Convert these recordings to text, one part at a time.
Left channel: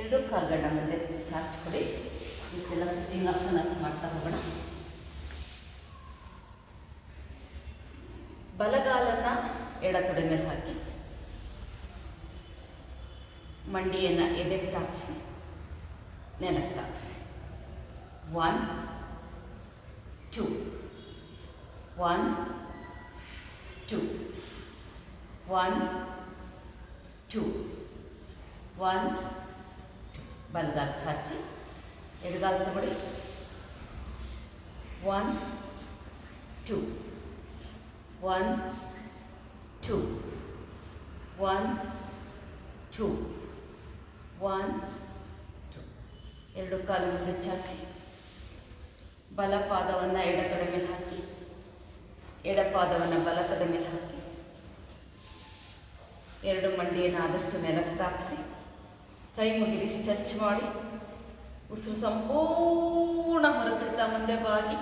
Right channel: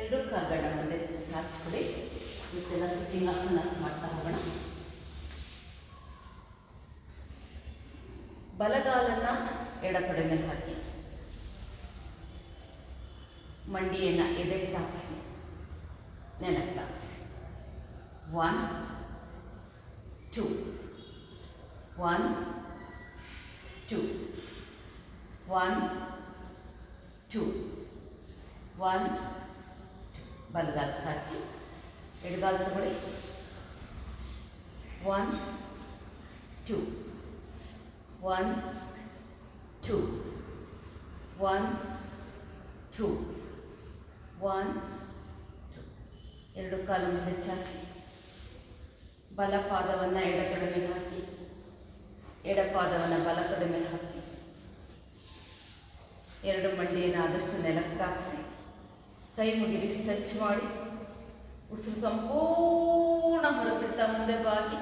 ಎರಡು ಕಾಲುಗಳನ್ನ ಮುಂದೆ ಚಾಚ್ಕೊಡಿ. ಇದೆಲ್ಲ ಸಿಟ್ಟಿಂಗಾಸನ ಮಾಡ್ತಾ ಹೋಗೋಣ. ಬಲಗಾಲನ್ನು ಎಡತೊಡೆ ಮೇಲೆ ಹಾಕಿ, ಮಂಡಿಯನ್ನು ಎದೆಗೆ ತಾಗಿಸಿ, ನೆಲಕ್ಕೆ ತಾಗಿಸಿ. 1 2 1 2 1 2 1 2. ಬಲಗಾಲ ಚಾಚಿ, ಎಡಗಾಲ ತಗೊಳ್ಳಿ. 1 2 1 2 1 2 1 2. ಎರಡು ಕಾಲು ಮುಂದೆ ಚಾಚಿ, ಬಲ ಪಾದವನ್ನು ಎಡತೊಡೆ ಮೇಲೆ ಹಾಕಿ, ಎಡ ಪಾದವನ್ನು ಬಲ ತೊಡೆ ಮೇಲೆ ಹಾಕಿ, ಎರಡು ಮಂಡಿಯನ್ನು ಆದಷ್ಟು ನೆಲಕ್ಕೆ ತಾಗಿಸಿ, ಕೈ ಮುಗಿರಿ ಸ್ಟ್ರೆಚ್ ಮಾಡಿ, ಉಸಿರು ಸಂಪೂರ್ಣ ಹೊರಬಿಡ್ತಾ ಮುಂದೆ ಬಾಗಿ,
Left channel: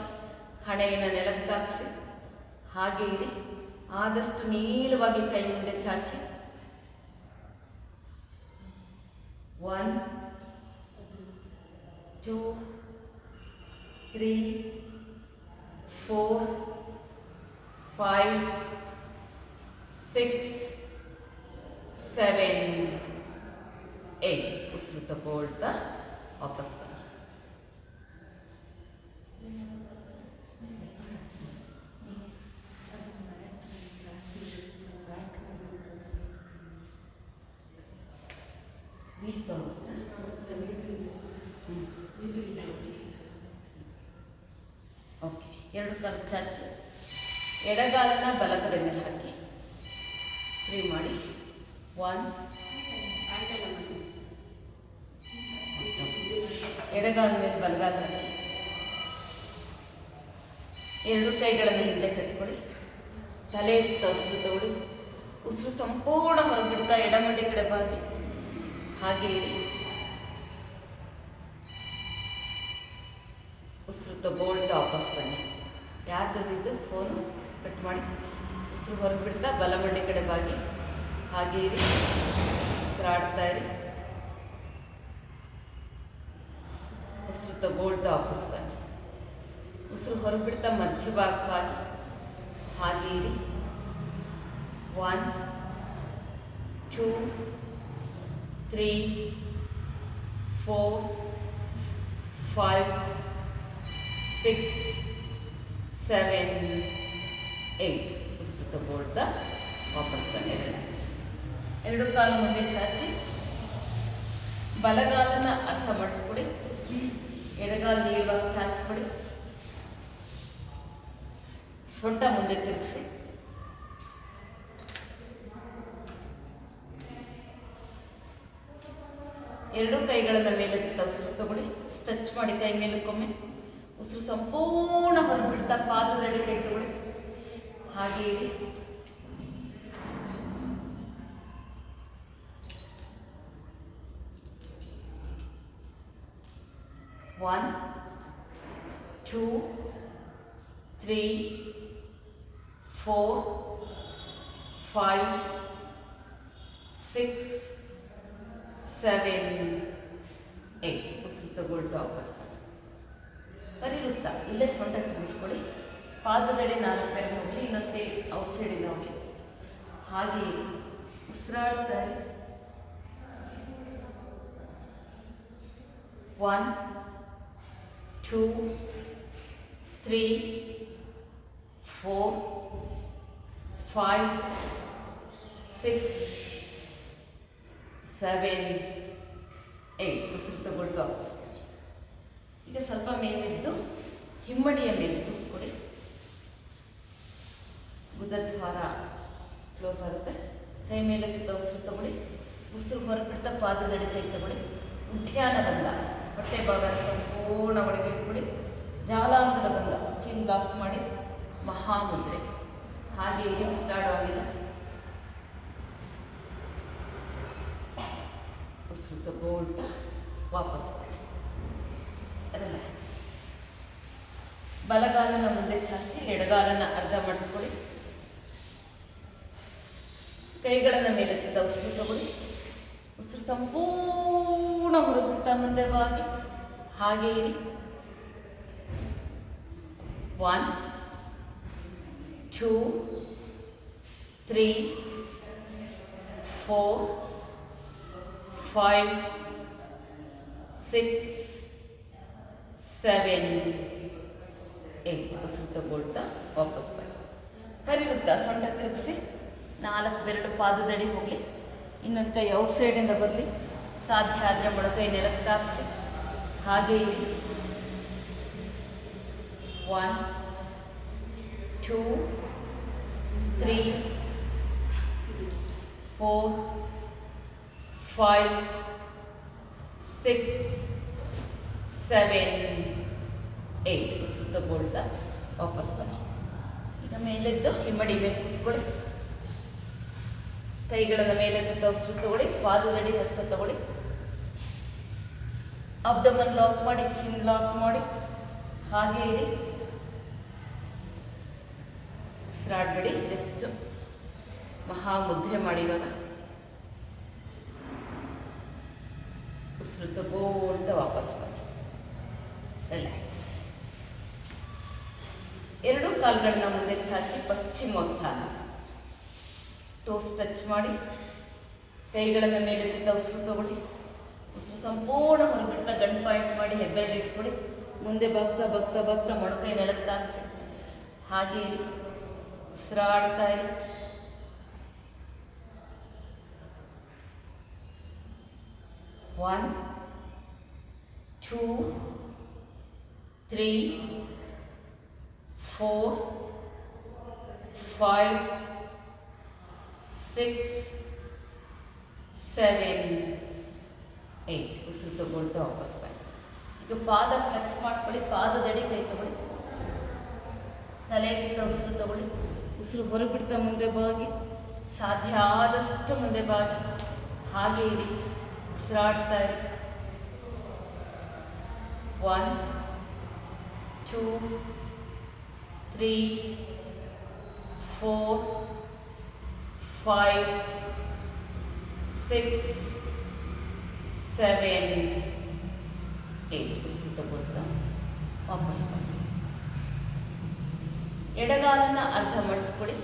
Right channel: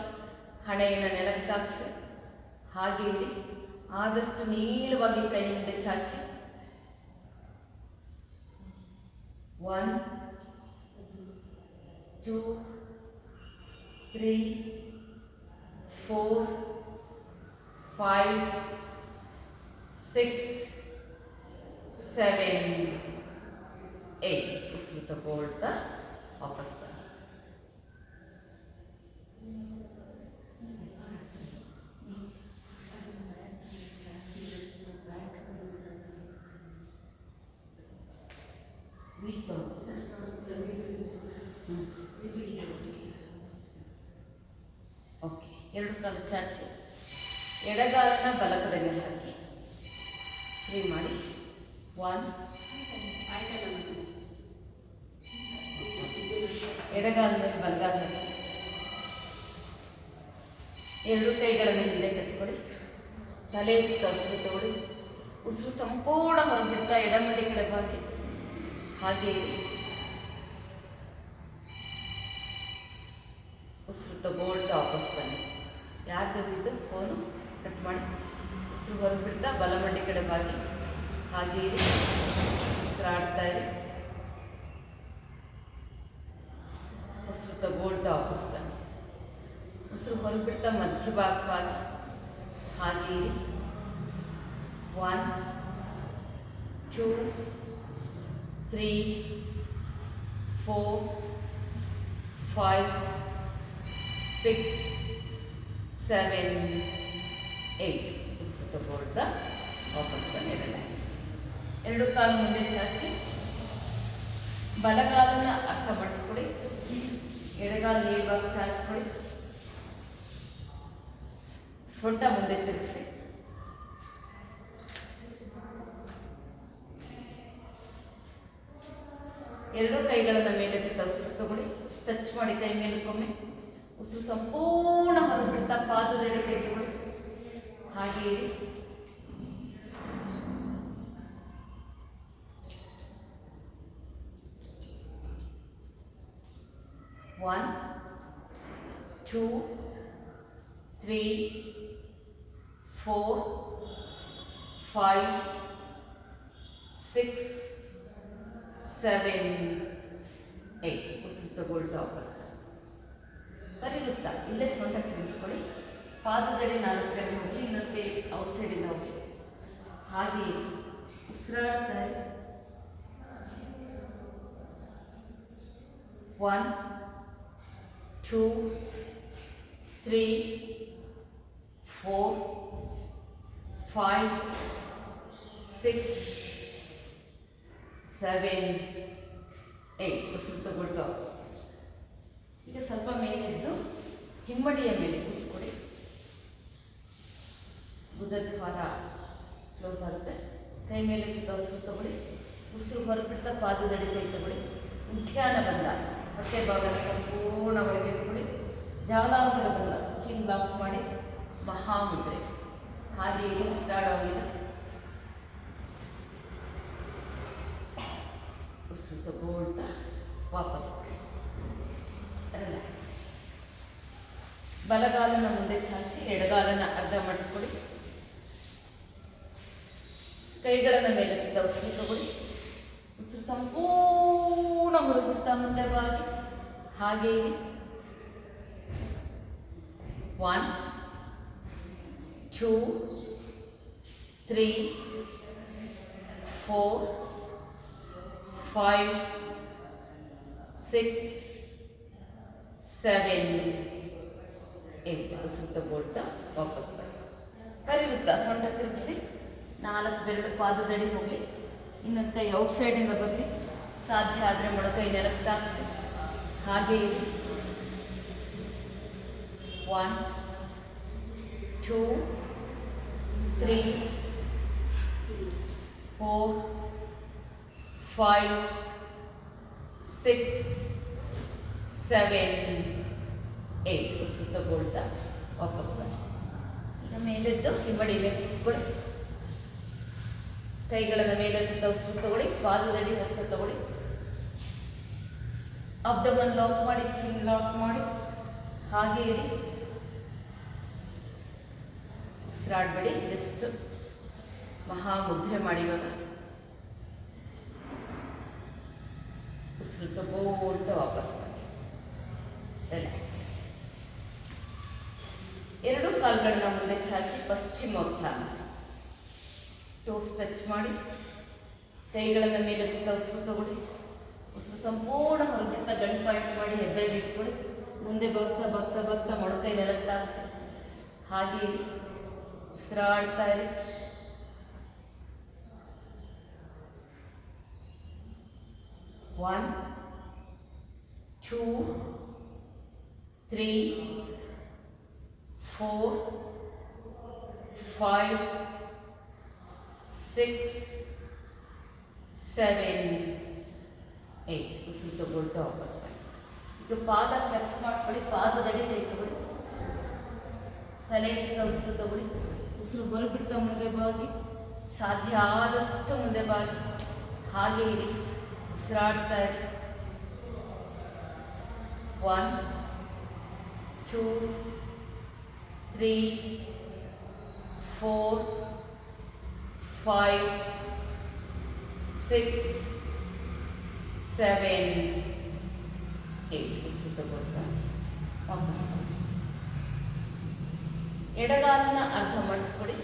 ಹಣೆಯನ್ನು ನೆಲಕ್ಕೆ ತಾಗಿಸಿ, ಹಾಗೆ ಇರಿ. ಆದಷ್ಟು ನೀಳವಾಗಿ ಕೈ ಮುಂದೆ ಚಾಚಿ. 1 2 3 4 5 6 7 8. ಉಸಿರು ತಗೊಳ್ತಾ ವಾಪಸ್ ಬನ್ನಿ. ಓಕೆ, ಎರಡು ಕಾಲು ಚಾಚಿ, ಎಡಗಾಲನ್ನ ಬಲ ತೊಡೆ ಮೇಲೆ ಹಾಕಿ, ಫ್ರೀ ಮಾಡಿ. 1 ಎಡಗಾಲ ಮೇಲೆ ಬಲಗಾಲ ಹಾಕಿ, ಎರಡು ಕೈಗಳನ್ನು ಹಿಂದೆ ಕಟ್ಕೊಳ್ಳಿ, ತಲೆ ಉಸಿರು ತಗೊಳ್ಳಿ, ಉಸಿರು ಸಂಪೂರ್ಣ ಹೊರಬಿಡ್ತಾ ಎಡಮಡಿ ಕಡೆ ಬಾಗಿ, ಹಾಗೆ ಉಸಿರು ತಗೊಳ್ತಾ ವಾಪಸ್ ಬನ್ನಿ. ಯಾರ್ದು ಇದು ಫೋನು ಕಟ್ ಮಾಡಿ, ಉಸಿರು ಹೊರಬಿಡ್ತಾ ಬಲಮಂಡಿ ಕಡೆ ಬಾಗಿ, ಹಾಗೆ ಇರಿ, ಉಸಿರಾಡ್ತಾ ಇರಿ, ಉಸಿರು ತಗೊಳ್ತಾ ವಾಪಸ್ ಬನ್ನಿ. ಉಸಿರು ಹೊರಬಿಡ್ತಾ ಮಧ್ಯ ಭಾಗವಾಗಿ, ಹಾಗೆ ಇರಿ. 1 2 3 4 5 6 7 8. ಉಸಿರು ತಗೊಳ್ತಾ ವಾಪಸ್ ಬನ್ನಿ. ರಿಲ್ಯಾಕ್ಸ್. ಎರಡು ಕಾಲು ಮುಂದೆ ಚಾಚಿ, ಬಲಗಾಲನ ಅರ್ಥ ಮಾಡಿಸ್ಕೊಡಿ, ಎಡಗಾಲ ನೀಳವಾಗಿ ಚಾಚ್ಕೊಡಿ, ಸೊಂಟ ಮುಂದೆ ತಿರುಗಿಸಿ, ಎರಡು ಕೈಗಳನ್ನು ಮೇಲೆ ಉಸಿರು ತಗೊಳ್ಳಿ, ಸ್ಟ್ರೆಚ್ ಮಾಡಿ ಕೈ ಮೇಲಕ್ಕೊಮ್ಮೆ, ಉಸಿರು ಸಂಪೂರ್ಣ ಹೊರಬಿಡ್ತಾ ಪಾದದಲ್ಲಿ ಕೈ ತಗೊಳ್ಳಿ, ಹಾಗೆ ಇರಿ. 1 2 3 4 5 6 7 8. ಉಸಿರು ತಗೊಳ್ತಾ ವಾಪಸ್ ಕರಿಗುತ್ತಾ ಇಲ್ಲೇ ಸೊಂಟ ತಿನ್ನಿಸ್ಕೊಳ್ಳಿ, ಪಾದದಲ್ಲಿ 4 ಕೈ ಹೋಗಿ, ಇನ್ನೊಂದು ಕೈ ಔಟ್ಸೈಡಿಂದ ಹೋಗಿ, ಹಾಗೆ ಉಸಿರಾಡ್ತಾರೆ. 1 2 3 4 5 6 7 8. ಉಸಿರು ತಗೊಳ್ತಾ ವಾಪಸ್. ಈಗ ಸ್ವಲ್ಪ ಮೇಲಿದ್ದು ಹಿಮ್ಮಡಿಯ ಮೇಲೆ ಕೂತ್ಕೊಳ್ಳಿ, ಬುಧದ್ವಾರ ಕ್ಲೋಸ್ ಆಗುತ್ತೆ. ಕೈ ಮೇಲೆ ಉಸಿರು ತಗೊಳ್ಳಿ, ಉಸಿರು ಹೊರಬಿಡ್ತಾ ಪಾದದಡಿ ಕೈ ತಗೊಳ್ಳಿ, ಉದ್ಯಾನ ಬಂದ, ಹೊಟ್ಟೆ ಭಾಗ ಸಂಪೂರ್ಣ ಒಳಗೆ ಇಟ್ಕೊಳ್ಳಿ, ಜಾಲಾಂತರ ಬಂದ, ಚಿನ್ ಲಾಕ್ ಮಾಡಿ, ಮಹಾಮುದ್ರೆ, ಹಾಗೆ ಇದು ಉಸಿರಾಡೋಂಗಿಲ್ಲ. ಉಸಿರು ತಗೊಳ್ತಾ ವಾಪಸ್ ರಿಲ್ಯಾಕ್ಸ್. ಬಲಗಾಲನ ಮುಂದೆ ಚಾಚಿ, ಎಡಗಾಲನ ಅರ್ಧ ಮಾಡಿಸ್ಕೊಳ್ಳಿ, ಕೈಗಳನ್ನು ಮೇಲೆ ಉಸಿರು ತಗೊಳ್ಳಿ, ಉಸಿರು ಸಂಪೂರ್ಣ ಹೊರಬಿಡ್ತಾ ಮುಂದೆ ಬಾಗಿ ಹಾಗೆ ಇರಿ. 1 2 3 4 5 6 7 8 ಉಸಿರು ತಗೊಳ್ತಾ ವಾಪಸ್ ಬನ್ನಿ. ಕರಿವೃತ್ತ ಸೊಂಟ ತಿರುಗಿಸಿ 4 ಬೆರಳು ಪಾದದಡಿ ಹೋಗಲಿ. ಇನ್ನೊಂದು ಕೈ ಔಟ್ಸೈಡಿಂದ ಬರಲಿ. ಸಾಧ್ಯ ಆದರೆ ಮೊಳಕೈ ನೆಲಕ್ಕೆ ತಾಗಿಸಿ ಹಾಗೆ ಇರಿ. 1 2 3 4 5 6 7 8 ಉಸಿರು ತಗೊಳ್ತಾ ವಾಪಸ್ ಬನ್ನಿ. ಈಗ ಮೇಲೆದ್ದು ಹಿಂಬಡಿ ಮೇಲೆ ಕೂತ್ಕೊಳ್ಳಿ. ಕೈಗಳನ್ನು ಮೇಲೆದ್ದು ಉಸಿರು ತಗೊಳ್ಳಿ. ಪಾದದಡಿ ಹಸ್ತ ತಗೊಳ್ಳಿ. ಅಬ್ಡಮನ್ ಲಾಕ್ ಮಾಡಿ, ಚಿನ್ ಲಾಕ್ ಮಾಡಿ ಹಾಗೆ ಇರಿ. ಉಸಿರಾಡಬೇಡಿ, ಜಸ್ಟ್ ಮಹಾಮುದ್ರೆ ಮಾಡಿ. ಇವಾಗ ಉಸಿರು ತಗೊಳ್ತಾ ವಾಪಸ್ ಬನ್ನಿ. ರಿಲ್ಯಾಕ್ಸ್. ಎರಡು ಕಾಲುಗಳನ್ನ ಮುಂದೆ ಚಾಚಿ ಪಶ್ಚಿಮೋತ್ಥಾನಿಸಿ. ಟೋಸ್ ಟಚ್ ಮಾಡಿ. ಕೈಗಳನ್ನು ಮೇಲೆ ಉಸಿರು ತಗೊಳ್ಳಿ. ಉಸಿರು ಸಂಪೂರ್ಣ ಹೊರಬಿಟ್ಟ ಗಂಟು ಪಾಯಿಂಟ್ ಮಾಡಿ ಹೆಬ್ಬೆರಳು ಇಟ್ಕೊಳ್ಳಿ. ಮುಂದೆ ಬಗ್ತಾ ಬಗ್ತಾ ಬಗ್ತಾ ಮೊಣಕೈ ನೆಲಕ್ಕೆ ತಾಗಿಸಿ ಹಾಗೆ ಇರಿ. ಉಸಿರಾಡ್ತಾ ಇರಿ. 1 2 3 4 5 6 7 8 ಉಸಿರು ತಗೊಳ್ತಾ ವಾಪಸ್ ಬನ್ನಿ. ಇದು ಪಾದ ಫ್ಲೆಕ್ಸ್ ಮಾಡ್ಕೊಳ್ಳಿ. ಪಾದದಡಿ ಕೈ ತಗೊಳ್ಳಿ. ತಲೆಯಿಂದ ಉಸಿರು ತಗೊಳ್ಳಿ. ಉಸಿರು ಹೊರಬಿಡ್ತಾ ಮುಂದೆ ಬಾಗಿ. ಸಾಧ್ಯ ಆದಷ್ಟು ಮುಂದೆ ಬಾಗಿ ಹಾಗೆ ಇರಿ. ಉಸಿರಾಡ್ತಾ ಇರಿ. 1 2 3 4 5 6 7 8 ಉಸಿರು ತಗೊಳ್ತಾ ವಾಪಸ್ ಬನ್ನಿ. ಎಡಗಾಲನ್ನ ಅರ್ಧ ಮಾಡಿಸ್ಕೊಡಿ.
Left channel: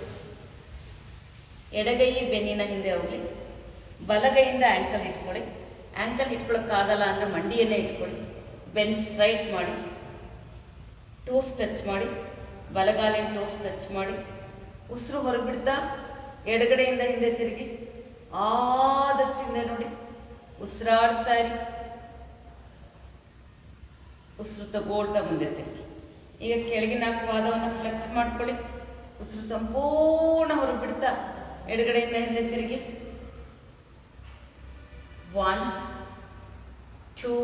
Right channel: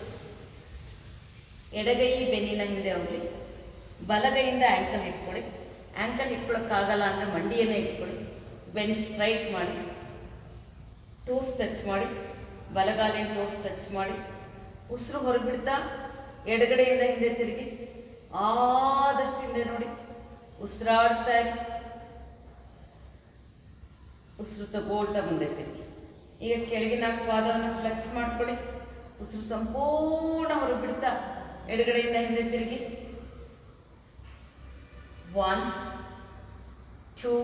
ಎಡಗೈ ಬೆನ್ನಿನ ಹಿಂದೆ ಹೋಗಲಿ. ಬಲಗೈಯಿಂದ ಆ್ಯಂಕಲ್ ಇಟ್ಕೊಳ್ಳಿ. ಆ್ಯಂಕಲ್ ಇಟ್ಕೊಳ್ಳೋಕ್ಕಾಗಲ್ಲ ಅಂದರೆ ಮಂಡಿಯನ್ನೇ ಇಟ್ಕೊಳ್ಳಿ. ಬೆನ್ ಸ್ಟ್ರೈಟ್ ಮಾಡಿ. ಟೋಸ್ ಟಚ್ ಮಾಡಿ. ಬಲಗಾಲಿನ ಟೋಸ್ ಟಚ್ ಮಾಡಿ. ಉಸಿರು ಹೊರಬಿಡ್ತಾ ಎಡಗಡೆಯಿಂದ ಹಿಂದೆ ತಿರುಗಿ. ಆದಷ್ಟು ಹಿಂದೆ ನೋಡಿ. ಉಸಿರಾಡ್ತಾ ಇರಿ. ಉಸಿರು ತಗೊಳ್ತಾ ಮುಂದೆ ತಿರುಗಿ. ಈಗ ಕೆಳಗಿನ ಪಾದವನ್ನು ಫ್ಲೆಕ್ಸ್ ಮಾಡ್ಕೊಳ್ಳಿ. ಉಸಿರು ಸಂಪೂರ್ಣ ಹೊರಬಿಡ್ತಾ ಎಡಗಡೆಯಿಂದ ಹಿಂದೆ ತಿರುಗಿ. 1 2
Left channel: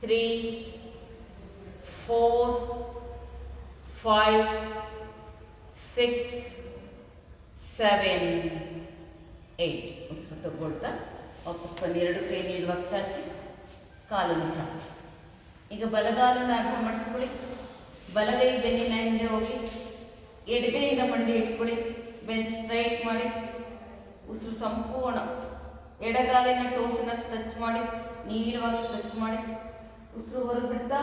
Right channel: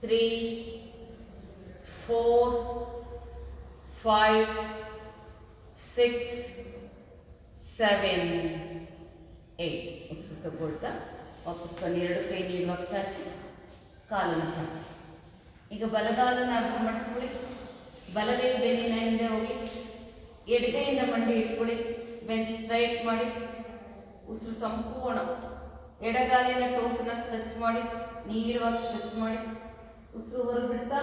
3 4 5 6 7 8 ಉಸಿರು ತಗೊಳ್ತಾ ವಾಪಸ್ ಬನ್ನಿ. ಎರಡು ಕೈ ನೀಡುವಾಗ ಚಾಚಿ, ಕಾಲನ್ನು ಚಾಚಿ. ಈಗ ಬಲಗಾಲನ್ನು ಅರ್ಥ ಮಾಡಿಸ್ಕೊಳ್ಳಿ. ಬಲಗೈ ಬೆನ್ನಿನ ಹಿಂದೆ ಹೋಗಿ. ಎಡಗೈಯಿಂದ ಮಂಡಿ ಇಟ್ಕೊಳ್ಳಿ. ಬೆನ್ ಸ್ಟ್ರೈಟ್ ಮಾಡಿ. ಉಸಿರು ಸಂಪೂರ್ಣ ಎಡಗಾಲಿನ ಟೋಸನ್ನು ಸ್ಟ್ರೆಚ್ ಮಾಡಿ. ನೀರುವಾಗಿ ಸ್ಟ್ರೆಚ್ ಮಾಡಿ. ಉಸಿರು ಹೊರಬಿಡ್ತಾ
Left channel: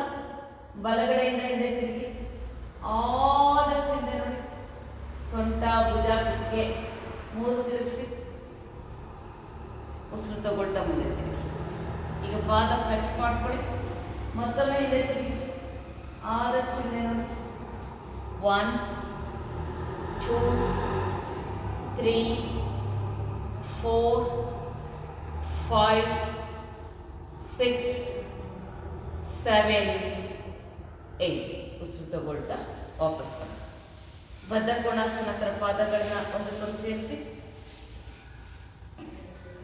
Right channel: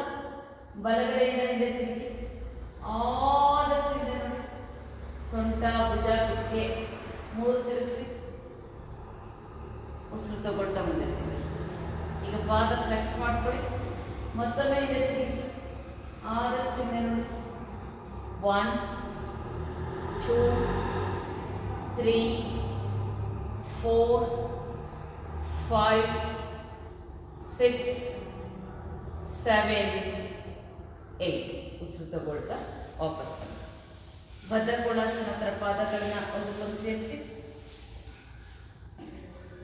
ಬಲಗಡೆಯಿಂದ ಹಿಂದೆ ತಿರುಗಿ. ಆದಷ್ಟು ಹಿಂದೆ ನೋಡಿ. ಸೊಂಟ, ಭುಜ, ಕುಕ್ಕೆ 3 ತಿರುಗಿಸಿ. ಉಸಿರು ತಗೊಳ್ತಾ ಮುಂದೆ ತಿರುಗಿ. ಈಗ ಪಾದ ಫ್ಲೆಕ್ಸ್ ಮಾಡ್ಕೊಳ್ಳಿ. ಮತ್ತೊಮ್ಮೆ ಹಿಂದೆ ತಿರುಗಿ. ಆದಷ್ಟು ಹಿಂದೆ ನೋಡಿ. 1 2 3 4 5 6 7 8 ಉಸಿರು ತಗೊಳ್ತಾ ವಾಪಸ್ ಬನ್ನಿ. ಬದ್ಧಕೋಣಾಸನ ನಂತರ ಪಾದಗಳನ್ನ ಒಂದು ಸೇರಿಸಿ.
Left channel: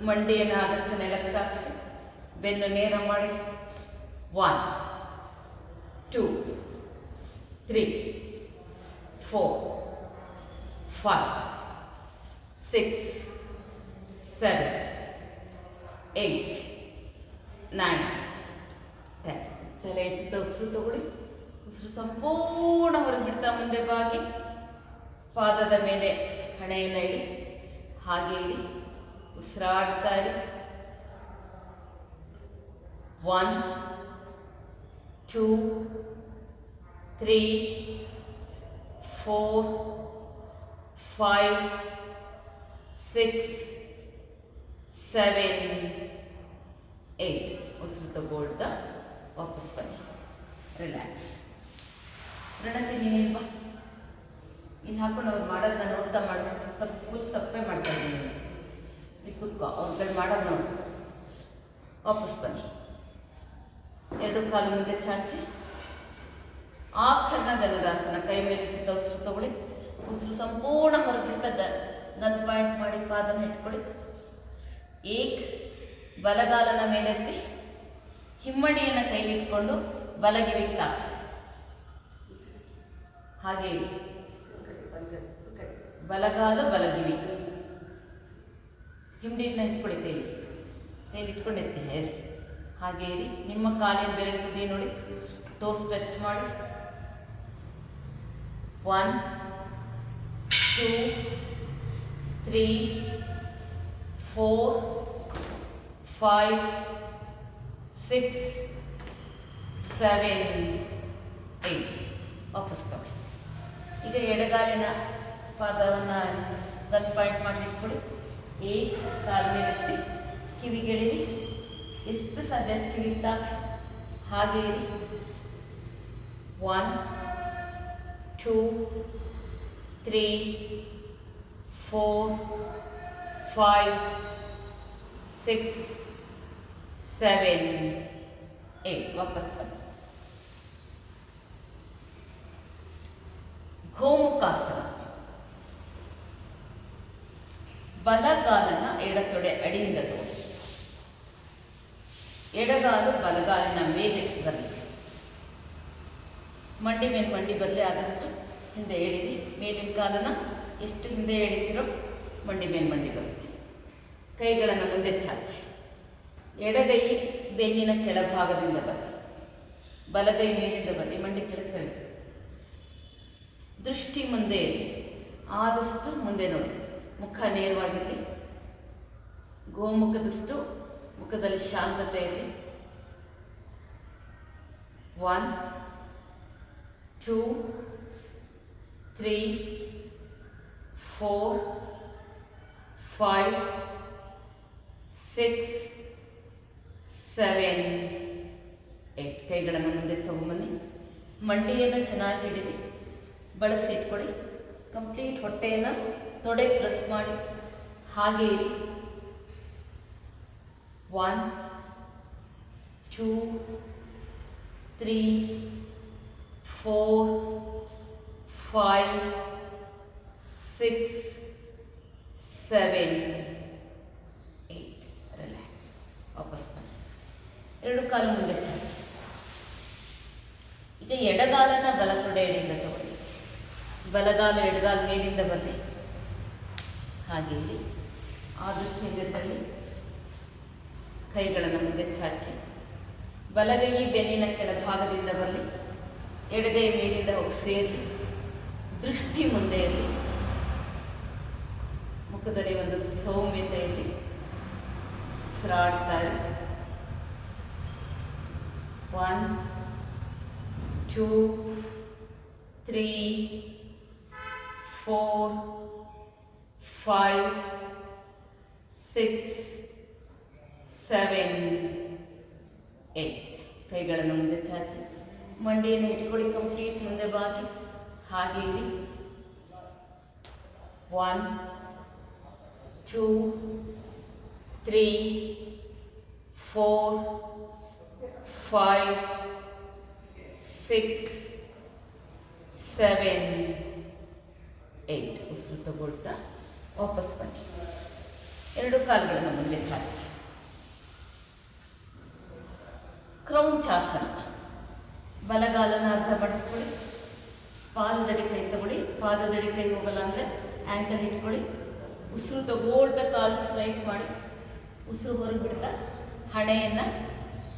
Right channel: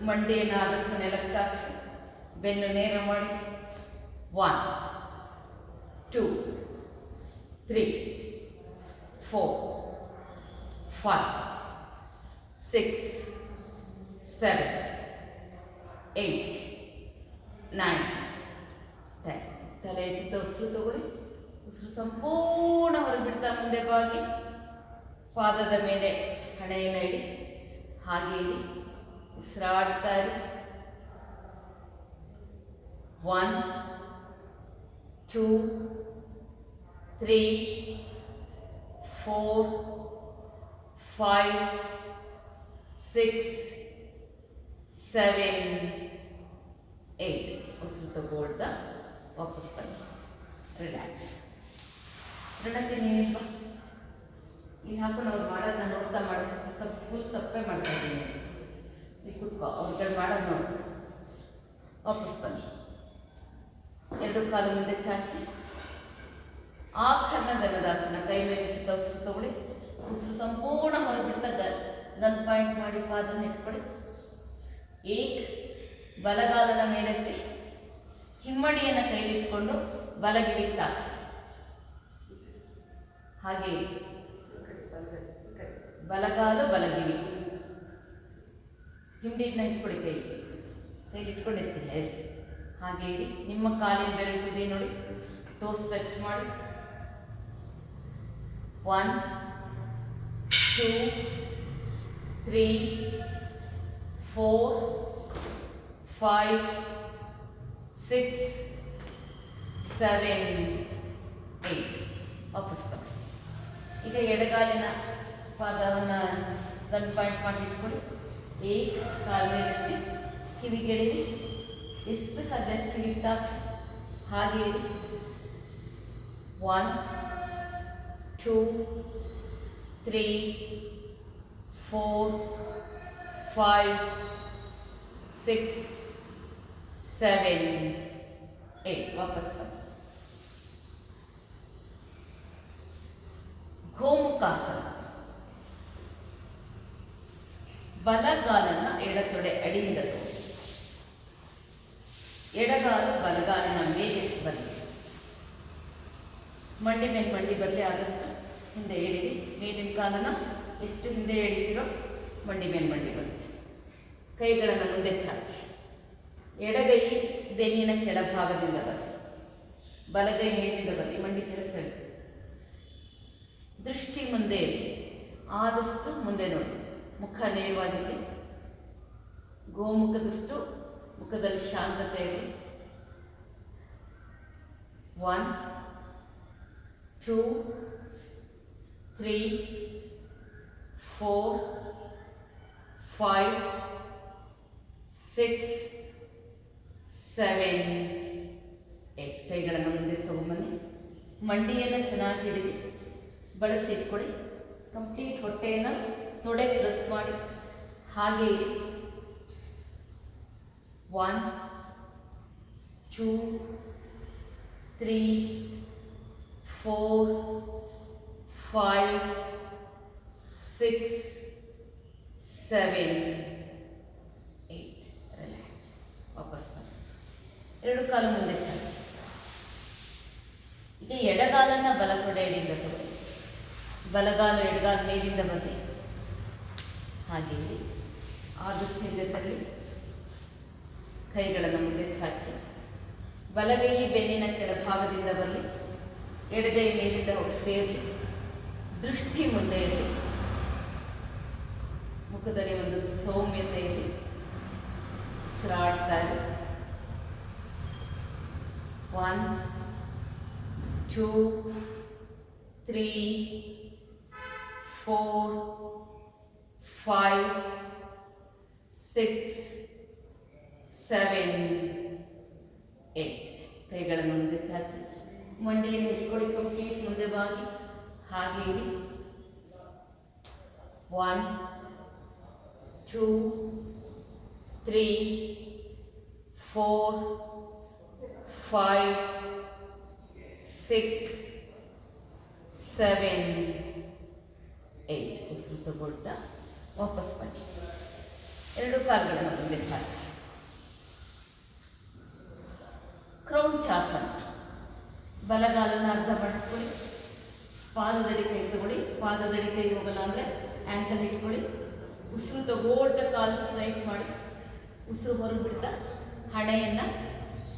ಮಂಡಿಯನ್ನು ಆದಷ್ಟು ನೆಲಕ್ಕೆ ತಾಗಿಸಿ. ಬೆನ್ನು ನೇರ ಮಾಡಿ. 1 2 3 4 5 6 7 8 9 10 ತಲೆ ಎತ್ತಿದ ಉಸಿರು ತಗೊಳ್ಳಿ. ಉಸಿರು ಸಂಪೂರ್ಣ ಹೊರಬಿಡ್ತಾ ಮುಂದೆ ಬಾಗಿ. ಪಾದದ ಮೇಲೆ ಹಣೆಯನ್ನು ಇಡಿ. ಹಾಗೆ ಇರಿ. ಉಸಿರಾಡ್ತಾ ಇರಿ. 1 2 3 4 5 6 7 8 ಉಸಿರು ತಗೊಳ್ತಾ ವಾಪಸ್ ಬನ್ನಿ. ರಿಲ್ಯಾಕ್ಸ್. ನೀನೇನು ಇಲ್ಲಿ ಹಾಕೊಂಡು ಅವ್ರು ಮಾಡೋದನ್ನ ನೋಡ್ತಾ ಮಾಡ್ಕೊಂಡು ಫುಲ್ ತಪ್ಪೇ ಮಾಡ್ತಾ ಇದ್ದೀನಿ. ಇಲ್ಲಿ ಕೂತ್ಕೋ, ಅವ್ರ ಕಡೆ ಮಾಡೋದು ನೋಡು. ವಾಪಸ್ ಬನ್ನಿ. ಎರಡು ಕಾಲು ಮುಂದೆ ಚಾಚಿ ಆಕರ್ಣ ಧನುರಾಸನ. ಕೈ ಮೇಲೆ ಉಸಿರು ತಗೊಳ್ಳಿ. ಉಸಿರು ಸಂಪೂರ್ಣ ಹೊರಬಿಡ್ತಾ ಗನ್ ಪಾಯಿಂಟ್ ಮಾಡಿ ಪಾದನ ಇಟ್ಕೊಳ್ಳಿ. ಏಕ್ ಬಲಗಾಲನ ಮೇಲೆತ್ತಿ ಹಿಮ್ಮಡಿಯನ್ನು ಕೈಲಿಟ್ಕೊಂಡು ಬಲಗಿವಿಗೆ ತಾಕ್ಸಿ. ಹಾಗೆ ಬಲಗಾಲು ಬಲಗಿವಿ. ಹಿಮ್ಮಡಿನ ಇಟ್ಕೊಳ್ಳಿ. ಕೈಲಿ ಇಟ್ಕೊಂಡು ಎತ್ತಿ. ಎಸ್. ಹಾಗೆ ಇರಿ. ನಿಮ್ಮ ಕಾಲಿನ ಬೆರಳು ತುದಿ ನೋಡಿ, ಟೋಸ್ ಟಚ್ ಮಾಡಿ. 1 2 3 4 5 6 7 8 ವಾಪಸ್ ತಗೊಳ್ಳಿ. ಈಗ ಎಡಗಾಲಿನ ಪಾದವನ್ನು ಗನ್ ಪಾಯಿಂಟ್ ಮಾಡಿ ಇಟ್ಕೊಳ್ಳಿ. ಕಾಲ ಮೇಲೆ ಎತ್ತಿ ಕಿವಿಗೆಳಿರಿ. ಎಷ್ಟು ಸಾಧ್ಯ ಕಿವಿಗೆ ತಾಕ್ಸಿ. ಹಾಗೆ 1 2 3 4 5 6 7 8 ವಾಪಸ್ ಬನ್ನಿ. ಗೋಮುಖಾಸನ. ಬಲಗಾಲನ ಎಡತೊಡೆ ಅಡಿಯಿಂದ ಎಡಗಾಲು ಬಲಗಾಲನ ಮೇಲೆ ಬರಲಿ. ಮಂಡಿ ಮೇಲೆ ಮಂಡಿ ಬರಲಿ. ಆದಷ್ಟು ಹಿಂದೆ ಎಳಿರಿ. ಮೇಲಿನ ಕಾಲನ ಎಷ್ಟು ಹಿಂದೆ ಎಳಿತೀರೋ ಮಂಡಿ ಮೇಲೆ ಮಂಡಿ ಬರುತ್ತೆ. ಕೈಗಳನ್ನು ಮುಂದೆ ಚಾಚಿ. ಎಡಗೈ ಬೆನ್ನಿನ ಕೆಳಭಾಗದಿಂದ ಬರಲಿ. ಬಲಗೈ ಮೇಲಿಂದ ಬರಲಿ. ಮಂಡಿ ಕೆಳಗೆ. ದೃಷ್ಟಿ ಮುಂದೆ ಇರಿ. ಆದಷ್ಟು ಮುಂದೆ ನೋಡಿ. ಮುಖ ನೇರವಾಗಿರಲಿ. ಗೋಮುಖದಷ್ಟು ಮುಖದಲ್ಲಿ ಶಾಂತತೆ ಇರಲಿ. 1 2 3 4 5 6 7 8 ಕೈಗಳನ್ನು ಮುಂದೆ ತಗೊಂಬನ್ನಿ. ಮಂಡಿಯನ್ನು ಚೆನ್ನಾಗಿ ಹಿಡಿದು ಬಳಸಿ ಇಟ್ಕೊಳ್ಳಿ. ಕಂಪ್ಲೀಟ್ ಹೊಟ್ಟೆಯನ್ನು ತೊಡೆ ಪ್ಲಸ್ ಮಾಡಿ. ಹಾಗೆ ಇರಿ. 1 2 3 4 5 6 7 8 ರಿಲ್ಯಾಕ್ಸ್. ವಾಪಸ್ ಬನ್ನಿ. ಎರಡು ಕಾಲು ಮುಂದೆ ಚಾಚಿ. ಈಗ ಎಡಗಾಲನ ಬಲ ತೊಡೆ ಎಡೆಯಿಂದ ತಗೊಳ್ಳಿ. ಬಲಗಾಲು ಎಡಗಾಲು ಮೇಲಿಂದ ಬರಲಿ. ಹಾಗೆ ಆದಷ್ಟು ಹಿಂದೆ ತಳ್ಳಿ. ಕೈಗಳನ್ನು ಮುಂದೆ ಚಾಚಿ. ಬಲಗೈ ಬೆನ್ನಿನ ಕೆಳಭಾಗದಿಂದ ಬರಲಿ. ಎಡಗೈ ಮೇಲಿಂದ ಹೋಗಿ ಸೇರಲಿ. ದೃಷ್ಟಿ ಮುಂದೆ ಇರಲಿ. ಮುಖದಲ್ಲಿ ಒಂದು ಸೌಮ್ಯತೆಯಲ್ಲಿ ಉಸಿರಾಡ್ತಾ ಇರಿ. 1 2 3 4 5 6 7 8 ಕೈಗಳನ್ನು ಮುಂದೆ ಚಾಚಿ. ಮಂಡಿಯನ್ನು ಇಟ್ಕೊಳ್ಳಿ. ಕಂಪ್ಲೀಟ್ ಮುಂದೆ ಬಾಗಿ. ಹಾಗೆ ಇರಿ. 1 2 3 4 5 6 7 8 ಉಸಿರು ತಗೊಳ್ತಾ ವಾಪಸ್ ಬನ್ನಿ. ಎರಡು ಕಾಲುಗಳನ್ನು ಮುಂದೆ ಚಾಚಿ. ಕ್ರೌಂಚಾಸನ. ಬಲಗಾಲನ ಅರ್ಧ ಮಾಡಿಸ್ಕೊಳ್ಳಿ. ಪಾದದಡಿ ಕೈ ತಗೊಳ್ಳಿ. ಪಾದದಡಿ ಕೈ ಹೋಗಲ್ಲ ಅಂದರೆ ಆ್ಯಂಕಲ್ ಇಟ್ಕೊಳ್ಳಿ. ಉಸಿರು ತಗೊಳ್ತಾ ಕಾಲು ಸ್ಟ್ರೈಕ್ ಮಾಡಿ. ಉಸಿರು ಹೊರಗೆ ಬಿಡ್ತಾ ಹಣೆಯನ್ನು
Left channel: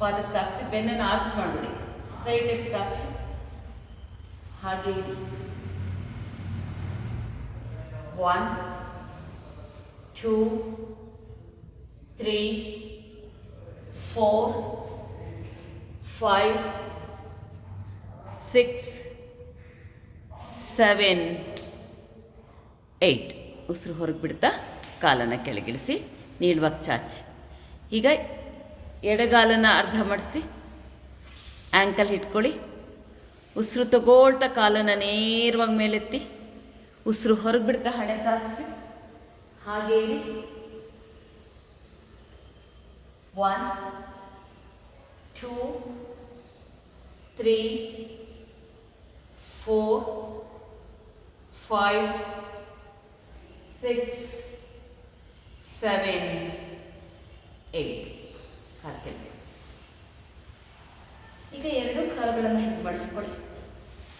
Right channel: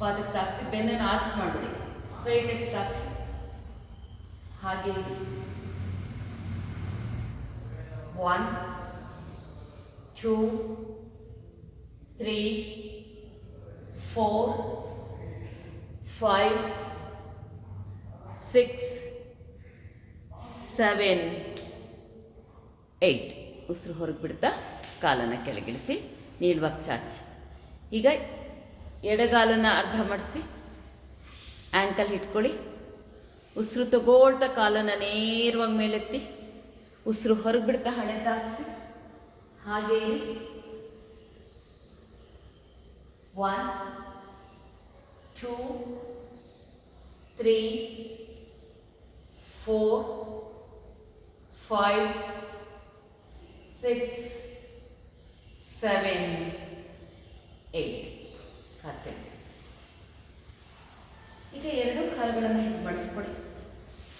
ಪಾದಕ್ಕೆ ತಾಕಿಸಿ. ಬೆನ್ನನ್ನು ಆರ್ಚ್ ಮಾಡಿಬಿಡಿ. ಸ್ಟ್ರೈಟಾಗಿ ತಾಕಿಸಿ. ಹಾಗೆ 1 2 3 4 5, 6, 7, 8. ಉಸಿರು ಹೊರಗೆ ಬಿಡ್ತಾ ಕಾಲನ್ನು ಕೆಳಗಿಳಿಸಿ, ನೀಳುವಾಗ ಚಾಚಿ. ಈಗ ಎಡಗಾಲನ್ನು ಅರ್ಧ ಮಾಡಿಸಿ ಆ್ಯಂಕಲ್ ಇಟ್ಕೊಳ್ಳಿ. ಉಸಿರು ತಗೊಳ್ತಾ ಕಾಲನ್ನು ನೇರವಾಗಿ ಮೇಲೆತ್ತಿ, ಉಸಿರು ಹೊರಗೆ ಬಿಡ್ತಾ ಹಣೆ ತಾಗಿಸಿ, ಹಾಗೇ ಇರಿ. 1, 2, 3, 4, 5, 6, 7, 8. ಹಾಕ್ತೇವೆ. ಈಗ ಎರಡು ಕಾಲುಗಳನ್ನು ಹೀಗೆ ಮಾಡಿಸ್ಕೊಳ್ಳಿ.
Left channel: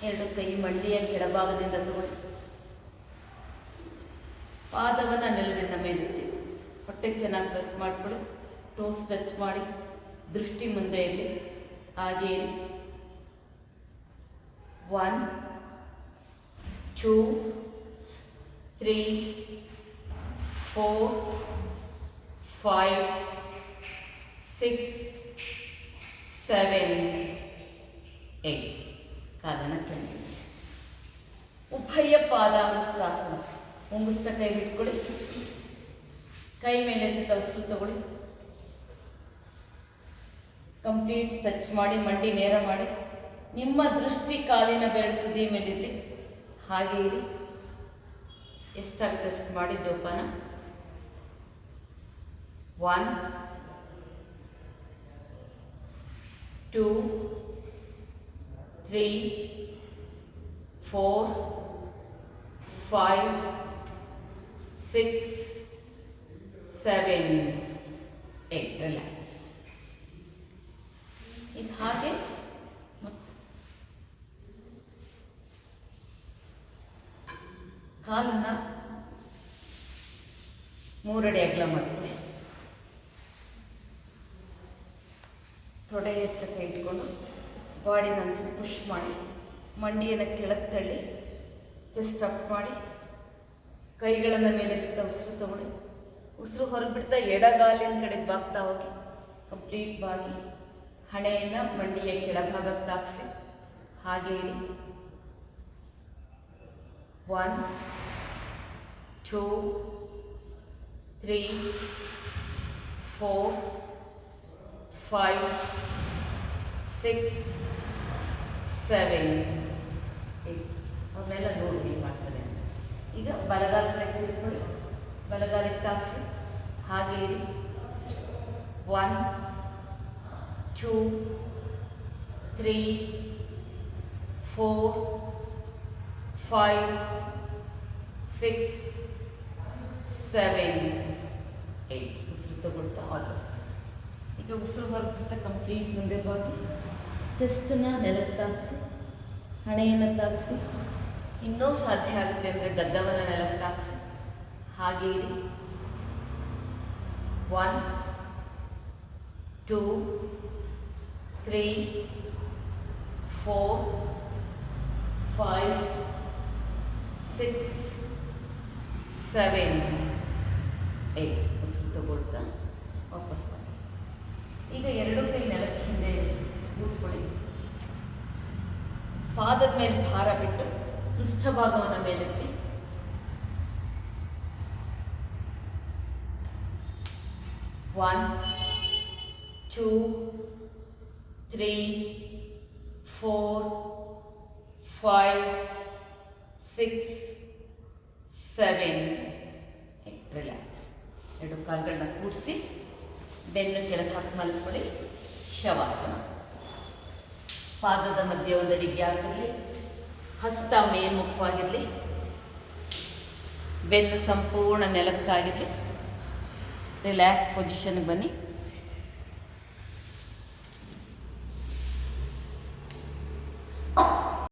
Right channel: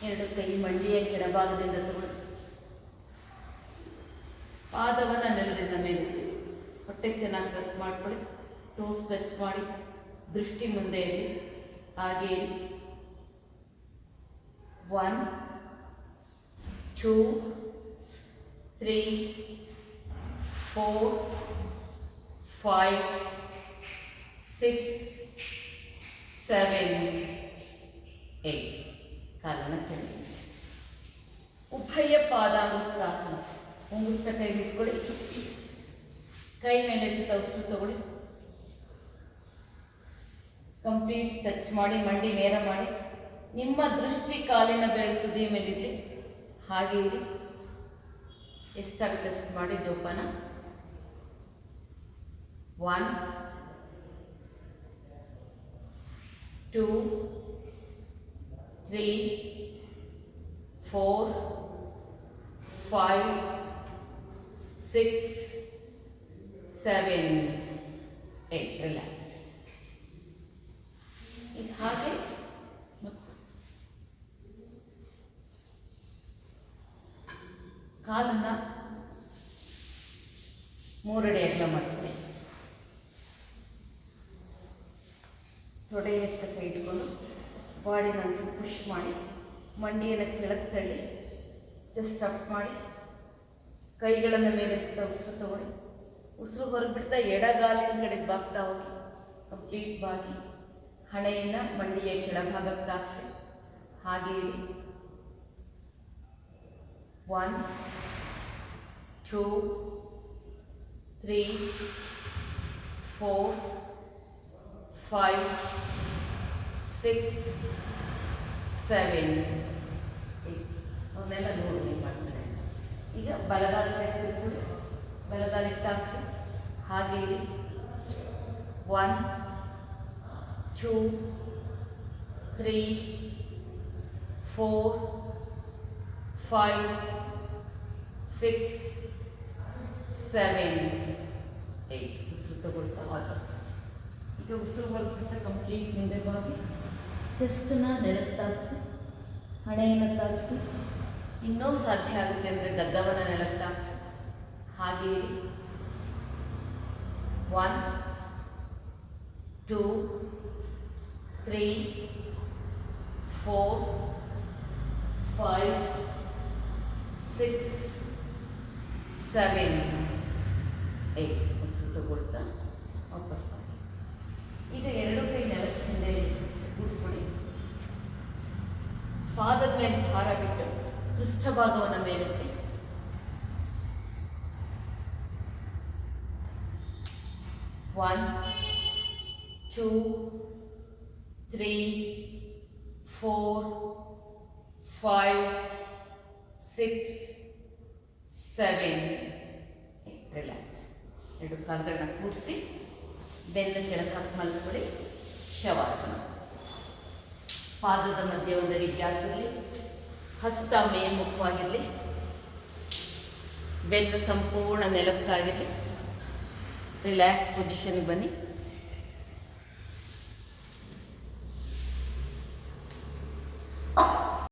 ಎರಡು ಕೈ ಮಂಡಿಯ ಎಡಭಾಗದಿಂದ ತಗೊಳ್ಳಿ. ಪಾದವನ್ನು ನೆಲದಿಂದ ಮೇಲೆತ್ತಿ, ಹೊಟ್ಟೆ ಚೆನ್ನಾಗಿ ಪ್ರೆಸ್ ಮಾಡಿಕೊಳ್ಳಿ. ಟೋಸ್ ಟಚ್ ಮಾಡಿ, ದೃಷ್ಟಿ ಮುಂದೆ ಇರಲಿ. ಹಾಗೆ 1, 2, 3, 4, 5, 6, 7, 8. ಕಾಲನ್ನು ಕೆಳಗಿಳಿಸಿ. ಉಭಯ ಪಾದಾನುಸ್ತಾಸನ. ಮುಂಗುಸ್ತ ಕೈ ಇಟ್ಕೊಳ್ಳಿ. ಕೈ ಮೇಲೆ ಉಸಿರು ತಗೊಳ್ಳಿ. ಕಂಪ್ಲೀಟ್ ಟಚ್ ಮಾಡಿ, ಮಂಡಿ ನೇರ ಮಾಡಿ. ನಿಮ್ಮ ದೃಷ್ಟಿ ಕಾಲಿನ ಬೆರಳು ತುದಿ ಮೇಲಿರಲಿ. ಹಾಗೆ ಇರಿ. ಎಷ್ಟಾಗಿ ಟೆಸ್ಟ್ ಮಾಡಿ ಜೋಪಾನ. 1, 2, 3, 4, 5, 6, 7, 8. ರಿಲ್ಯಾಕ್ಸ್. ಈಗ ಹಾಗೆ ಕಾಲನ್ನು 3 ಅಡಿ ಅಗಲ ಮಾಡ್ತೀವಿ. ತೊಡೆ ಎತ್ತ ಕೈ ಇಟ್ಕೊಂಡು ಬಾಡಿನ ಒಂಚೂರು ಪುಷ್ ಮಾಡಿ, ಮಂಡಿಯನ್ನು ಕೆಳಗೆ ತಳ್ಳಿ, ಚೆಸ್ಟ್ ಅಪ್ ಮಾಡಿ, ಕೈಗಳನ್ನು ಮೇಲೆ ಉಸಿರು ತಗೊಳ್ಳಿ. ಉಸಿರು ಹೊರಗೆ ಬಿಡ್ತಾ ಎಡಗಾಲಿನ ಕಡೆಗೆ ಬಾಗ್ತಾ ಹೋಗಿ, ಕಂಪ್ಲೀಟ್ ಬಾಗಿ ಹಣೆಯನ್ನು ಮಂಡಿಯ ಕೆಳಭಾಗಕ್ಕೆ ತಾಗಿಸಿ. ಹಾಗೆ ಇರಿ. 1, 2, 3, 4, 5, 6, 7, 8. ಅವನ್ನೆಲ್ಲ ನೋಡಿ ಮಾಡ್ತಾರೆ. ಈಗ ಬಲಗಾಲ ಕೈ ತಿಳ್ಕೊಳ್ಳಿ, ಬಲಗಾಲಿಗೆ ತಾಗಿಸಿ. ಹಾಗೆ ಇರಿ. 1, 2, 3, 4, 5, 6, 7, 8. ಉಸಿರು ತಗೊಳ್ತಾ ವಾಪಸ್. ಈಗ ಉಸಿರು ಹೊರಬಿಡ್ತಾ ಕಂಪ್ಲೀಟ್ ಮುಂದೆ ಬಾಗಿ, ಚೆಸ್ಟನ್ನು ನೆಲಕ್ಕೆ ತಾಗಿಸಿ, ಹಣೆಯನ್ನು ತಾಗಿಸಿ. ಇನ್ನೂ ಸಾಧ್ಯ ಆಗುತ್ತೆ ಅಂದರೆ ಗದ್ದವನ್ನು ನೆಲಕ್ಕೆ ತಾಗಿಸಿ. ಹಾಗೆ ಇರಿ. 1, 2, 3, 4, 5, 6, 7, 8. ಉಸಿರು ತಗೊಳ್ತಾ ವಾಪಸ್ ಮಾಡಿ. ಈಗ ಎರಡು ಕೈ ನೆಲಕ್ಕೆ ಹಿಂದೆ ಕೂತ್ಕೊಳ್ಳಿ. ಪಾದದ ಮೇಲೆ ಭಾರ ಬಿಟ್ಟು ಪೃಷ್ಠಭಾಗವನ್ನು ಮೇಲೆತ್ತಿ. 1, 2, 3, 4, 5, 6, 7, 8. ರಿಲ್ಯಾಕ್ಸ್. ಎರಡು ಕಾಲುಗಳನ್ನ ಕೂಡಿಸಿ ಬೆನ್ನು ಕೆಳಗೆ ಹಾಕಿ ಮಲ್ಕೊಳ್ಳಿ. ಶವಾಸನ. ಪಾದದ ಮಧ್ಯೆ ಒಂದಡಿ ಗ್ಯಾಪ್ ಇರಲಿ. ಹಸ್ತ ಮೇಲ್ಮುಖವಾಗಿರಲಿ. ಬೆನ್ನು ಸಂಪೂರ್ಣ ನೆಲಕ್ಕಾಗಿರಲಿ. ರಿಲ್ಯಾಕ್ಸ್ ಪೊಸಿಷನ್ಗೆ ಬನ್ನಿ.